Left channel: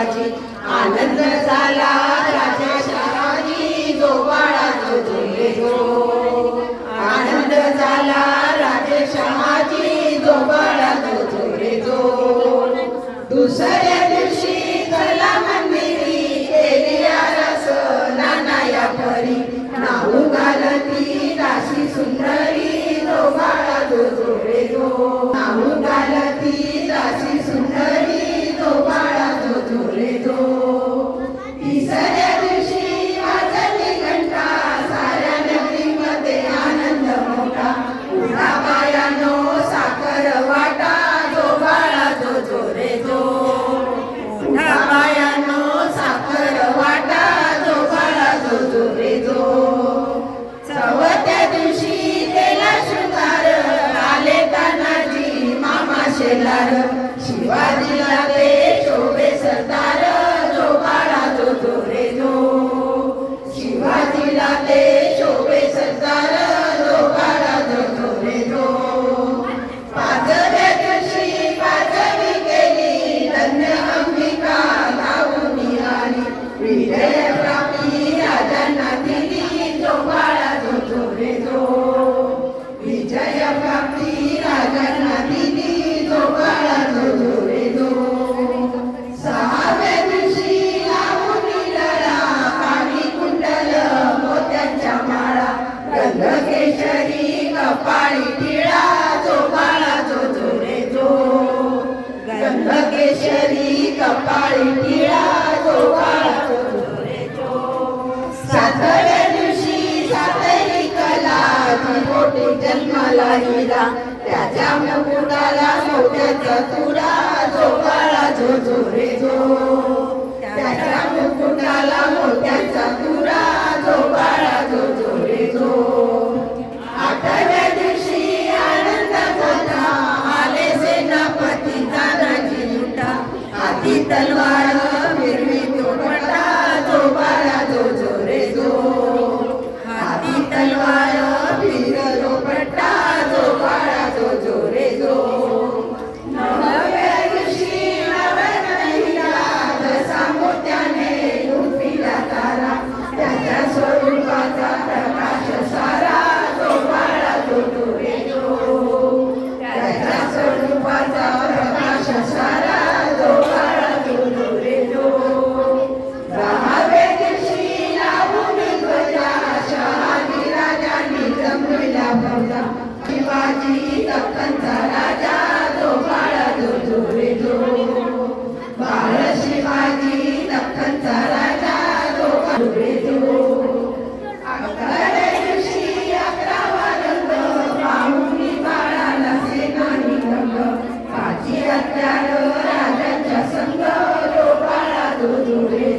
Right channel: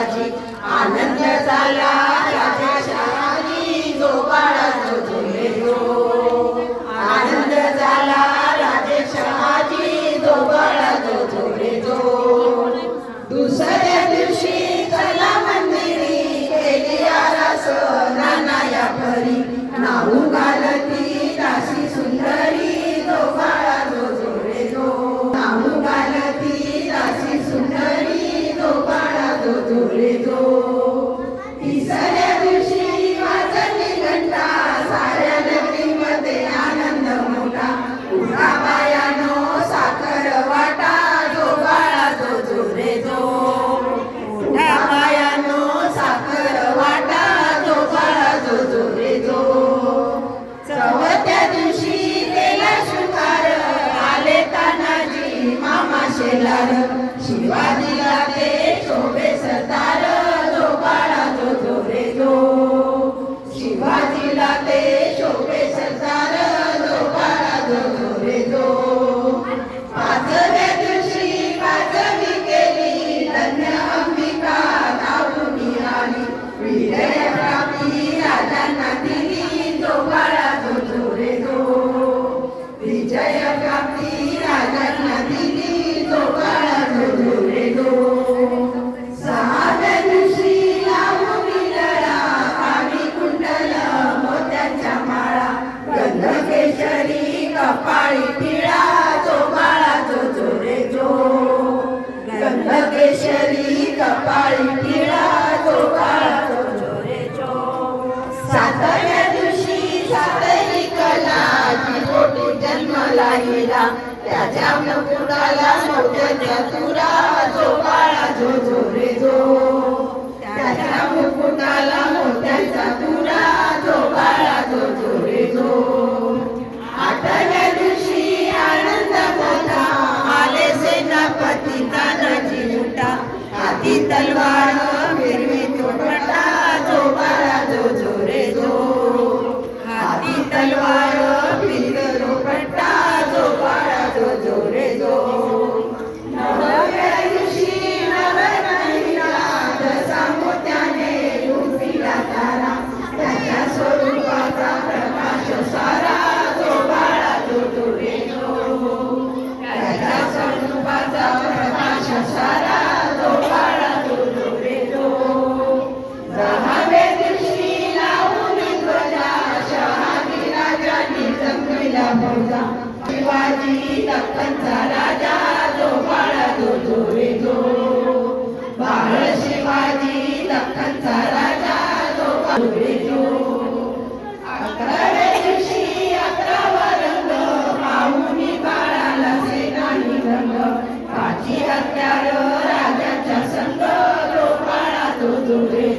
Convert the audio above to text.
शिवाजी आनंद झाला राजेशाही जो बाळा जो झुले जो आनंद झाला राजेशाही जो बाळा जो झुले जो दुसऱ्या दिवशी चला मंदिरी केली आरास नानाया परी नाऊ घालती दासी सुंदरी जो बाळा जो झुले जो नाऊ घालती दासी सुंदरी जो बाळा जो झुले जो तिसऱ्या दिवशी वाजली घंटा साऱ्या नगरीमध्ये आनंद मोठा उठा बायानो साखर वाटा जो बाळा जो झुले जो उठा बायानो साखर वाटा जो बाळा जो झुले जो चौथ्या दिवशी केला शृंगार आले तानाजी मामा शेलार शिवाजीला ते शोभे सरदार जो बाळा जो झुले जो शिवाजीला ते शोभे सरदार जो बाळा जो झुले जो पाचव्या दिवशी पाचवी केली धन्य अंबिका गाऊनी आली विजय प्राप्ती राजांना दिली जो बाळा जो झुले जो विजय प्राप्ती राजांना दिली जो बाळा जो झुले जो सहाव्या दिवशी लावूनी लळा काळी कुंडल मोत्यांच्या माळा गंधकेशरी कपाळी टिळा जो बाळा जो झुले जो गंधकेशरी कपाळी टिळा जो बाळा जो झुले जो सातव्या दिवशी सातही कला पोटी जन्मला हिरा त्याच्या मुकुटाला मोत्याचा तुरा जो बाळा जो झुले जो त्याच्या मुकुटाला मोत्याचा तुरा जो बाळा जो झुले जो आठव्या दिवशी आनंद झाला आले सेनापती तानाजी मोठा हाती तलवार फिरवी तुटवटा जो बाळा जो झुले जो हाती तलवार फिरवी तुटवटा जो बाळा जो झुले जो नवव्या दिवशी नवरहिला जसा मोत्याने लुटला तारा त्याच्या स्वरूपाचा प्रकाश सारा जो बाळा जो झुले जो त्याच्या स्वरूपाचा प्रकाश सारा जो बाळा जो झुले जो दहाव्या दिवशी लावून ध्वजा शहाजी राजांनी जमविला फौजा शिवाजी दख्खनचा राजा जो बाळा जो झुले जो बाळ शिवाजी दख्खनचा राजा जो झुले जो अकराव्या दिवशी 11वा रंग पाहुणी बाळाला सेनानी रंग काची हत्यार राजांच्या संग जो बाळा जो झुले